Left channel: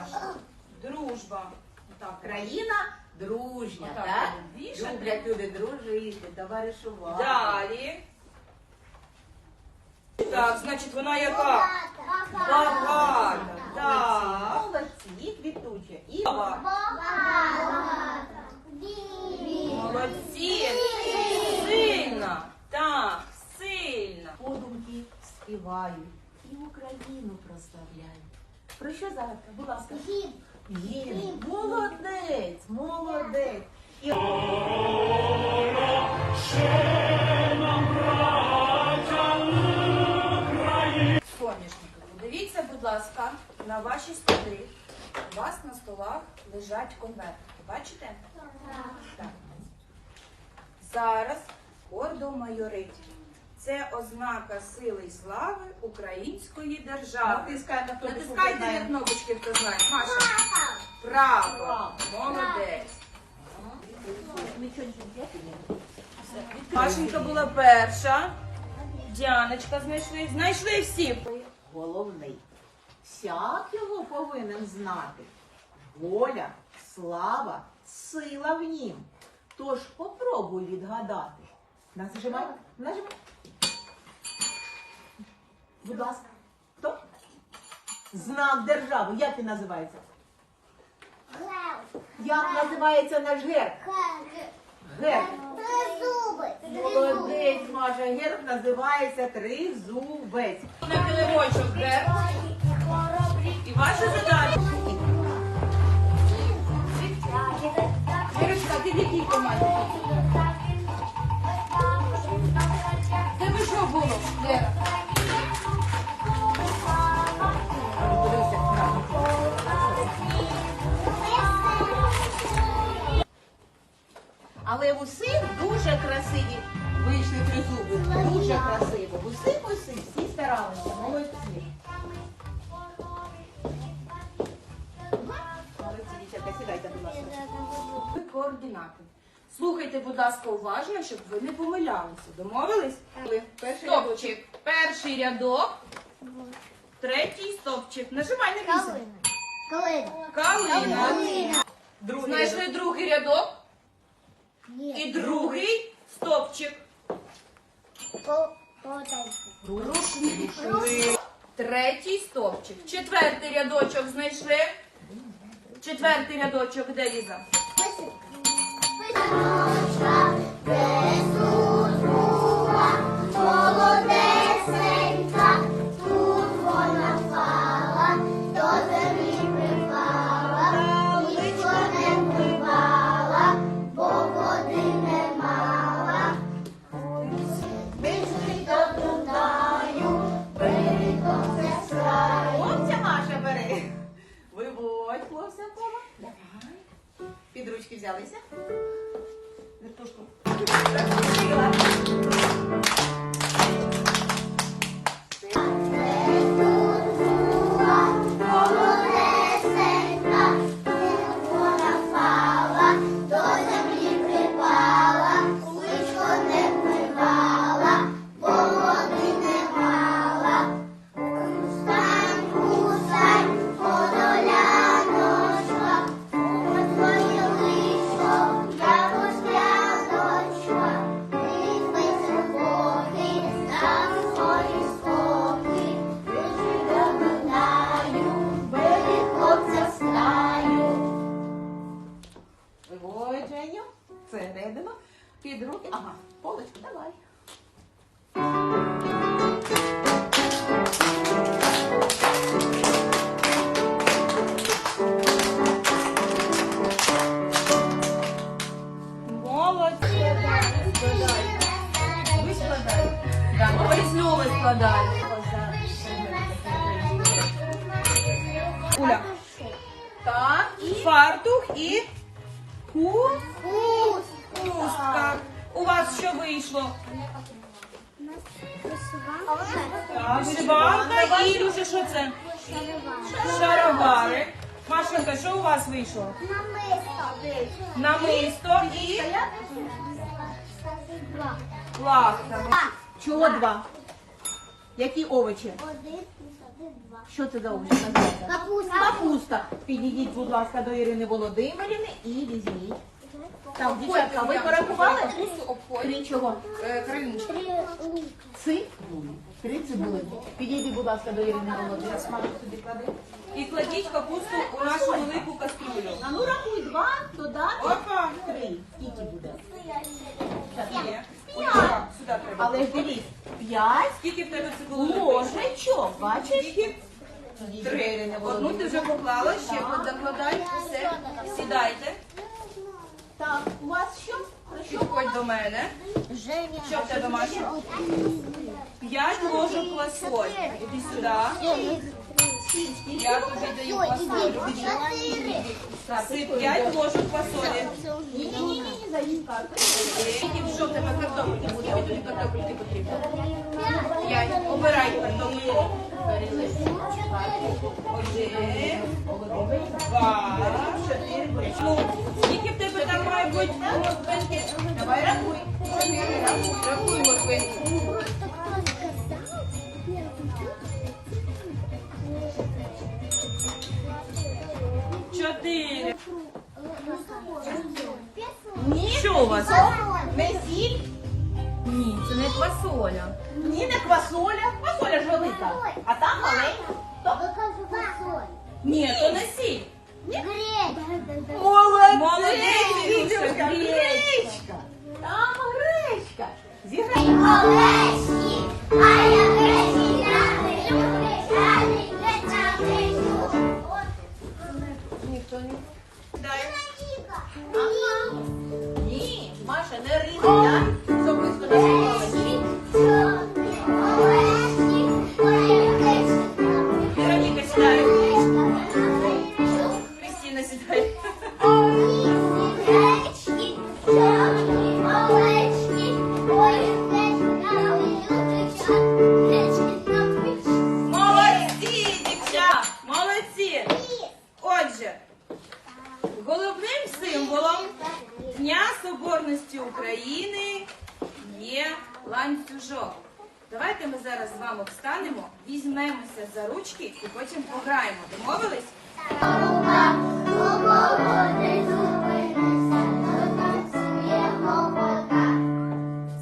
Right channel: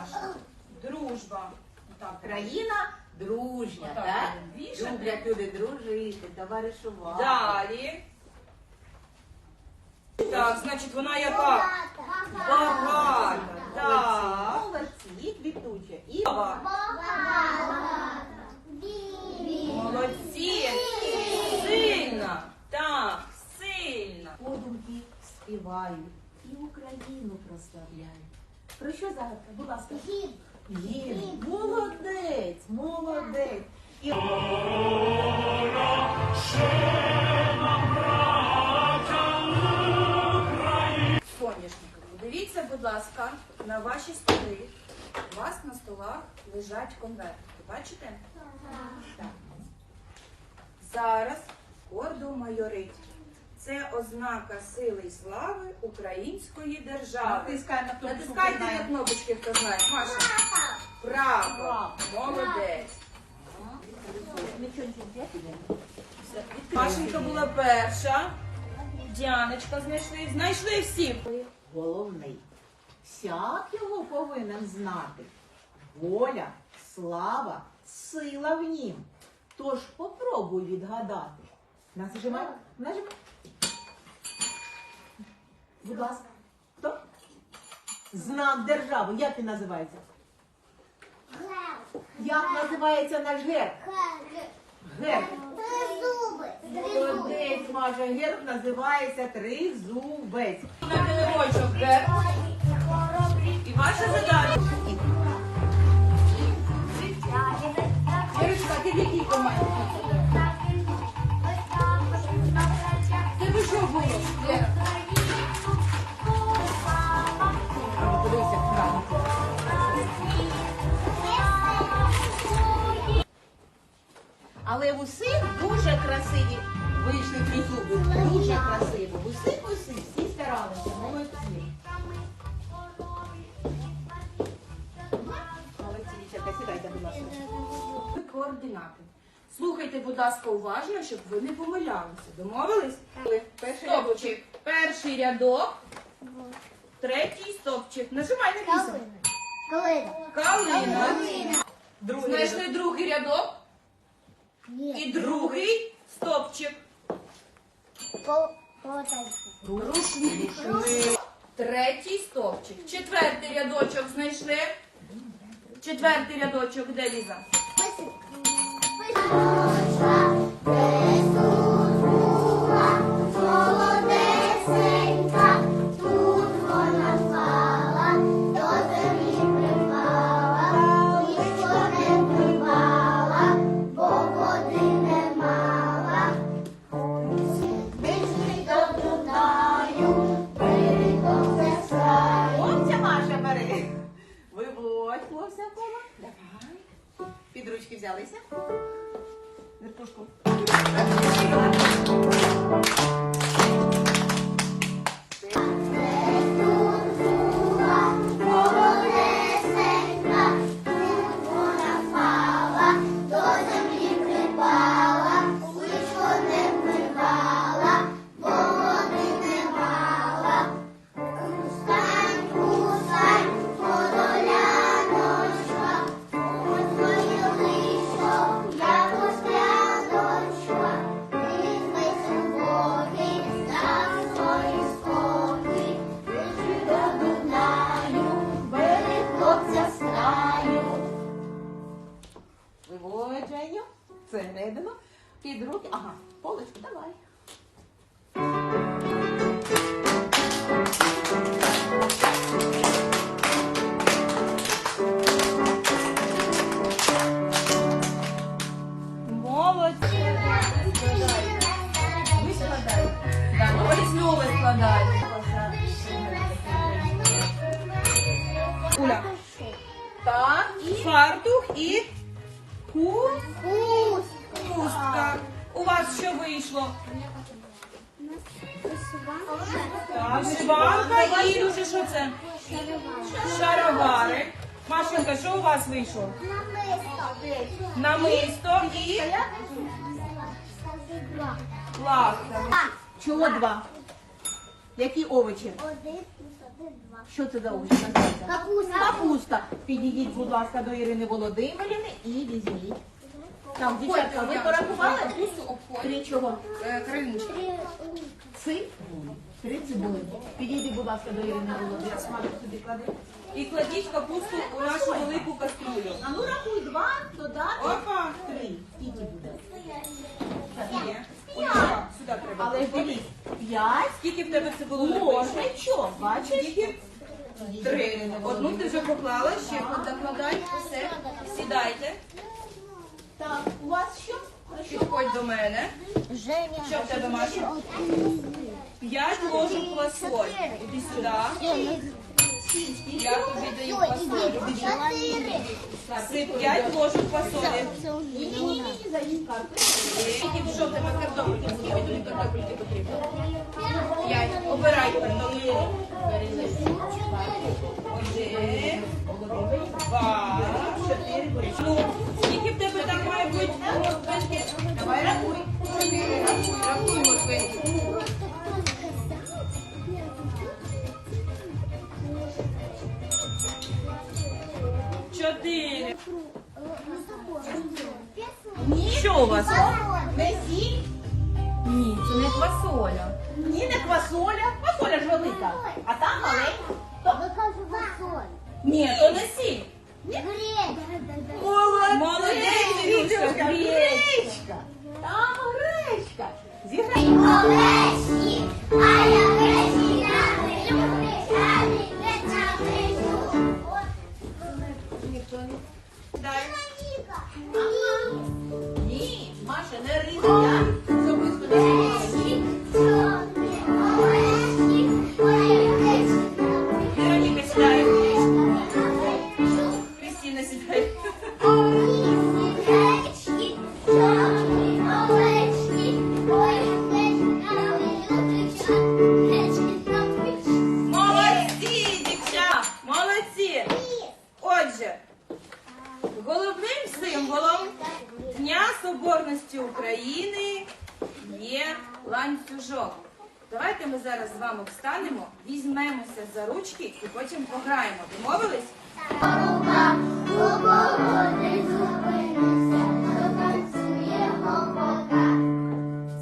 Маша? Дружба. Отак. Країна дружня, Отак так? будемо вішати. Люблять люди дружити, товаришувати. Далі. Так, значить, вона яка? Багата. Так. Молодці, квітуча. І Молодці. Сильна. Так, сильна. подумки співають і Україну прославляють. Про що зараз? Будь ласка. Гімн. Молодець, молодець. І... Соняшникові. Дивіться, будь ласка, на ваші столи. У вас на столах лежать конвертики. Бачите? Так. Зараз гордо майорить. Це ознака сили і слави української держави. Натискай на кнопочку, Натискайте на кнопочки, хто знає. Маша. Право. Право. Молодець. Машенька була перша. Діаночка знайшли. Знайшли всі. Головний. Всяк його повинен знати. Воля, слава, сила в нім. Тож попробуй відгадати. Нажимай, нажимай. Будь ласка. Хто? Знак держави. Як він називається? Герб. Як називається наш герб? Герб. Молодець, Маша. Герб називається тризубець. На килимочок герб. І ваша задача. Ірочка, ти в якій команді? Але в усіх дуже красиві вийшли тризуби. Дуже красиво. В усіх усіх всі старалися. Молодці. Молодці, дівчатка, сідайте, будь ласка. Ви координати. Слухайте, будь ласка, уважно, щоб ви не помилялися. Домовились? Перший Стопчик. Перший рядок. Третій стопчик. Нажимай на вісім. Калина. Другий Знайшли другий рядок і другий стопчик. Рушник. Третій стовпчик. Четвертий рядочок знайшли. Четвертий рядочок, де Ліза? Молодесенька, Виводь, хлопця Давай. Під ручки взялися. Відпушку. Хлопця з краю. Виводь, Женю. Всередину. Під руки. Ага, полочку, давай. Молодці. Ви складаєте. Так, ось знову складаєте. І ху- хустка. У вас що вийшло? Вишиванка і Ілюша, що це? Шаровари. Машенька, що у вас вийшло? Намисто і лавка. Чого два? Які овочі? Один Що це за овочі? Капуста. Капуста. Підійдіть, будь ласка, до Ірини Володимирівни і візьміть. Так, дівчатка, ви порахували? Капусту. Три чого? Е, Криночку. Цибулі. Три цибулі. Підійдіть, будь ласка, до Ірини Володимирівни. І кладіть капусту у нашу велику каструлю. А ну рахуй два, додати Опа! три. Скільки буде? Сюди треба. Але дивись, п'ять Скільки в тебе цибулини? ложечок, бачиш? Скільки? Три. Одну ти вже поклала, ще докладай. Все. Сідайте. Так, у вас що? Підходь до мене. Женя. Що в тебе, Маша? П'ять ложок квасоль. Іди сюди. Я тобі даю квасоль. Сип п'ять ложок квасолі. Ні-ні-ні, за. Скільки що в тебе картопельки? Скільки тобі картопельки потрібно? П'ять. Обирай картопельку. Один, два, чотири. Ну, скільки в тебе там має бути морквинки? Давай рахуй. Чотири, рахуй, рахуй морквинки. Чотири. Що у вас? Ні, це не квасоля. ні, не квасоля. Квасоля ж велика. А там маленька. То- Ні, то не сіль. Молодець, Молодець, Вітюшка, гречка. Там гречка. Зіграй. Ланцюжок. Давайте ми зараз з вами встанемо, візьмемося за ручки і потім пограємо. Домовились?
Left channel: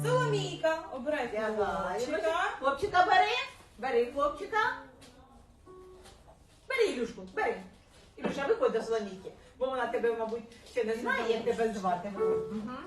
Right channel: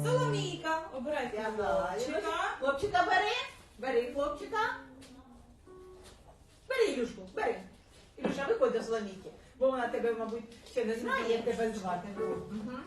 Соломійка, обирайте хлопчика. Хлопчика бери. Бери хлопчика. Бери Ілюшку, бери. Ілюша, виходь до Соломійки. Бо вона тебе, мабуть, ще не знає, як тебе звати. Мгм.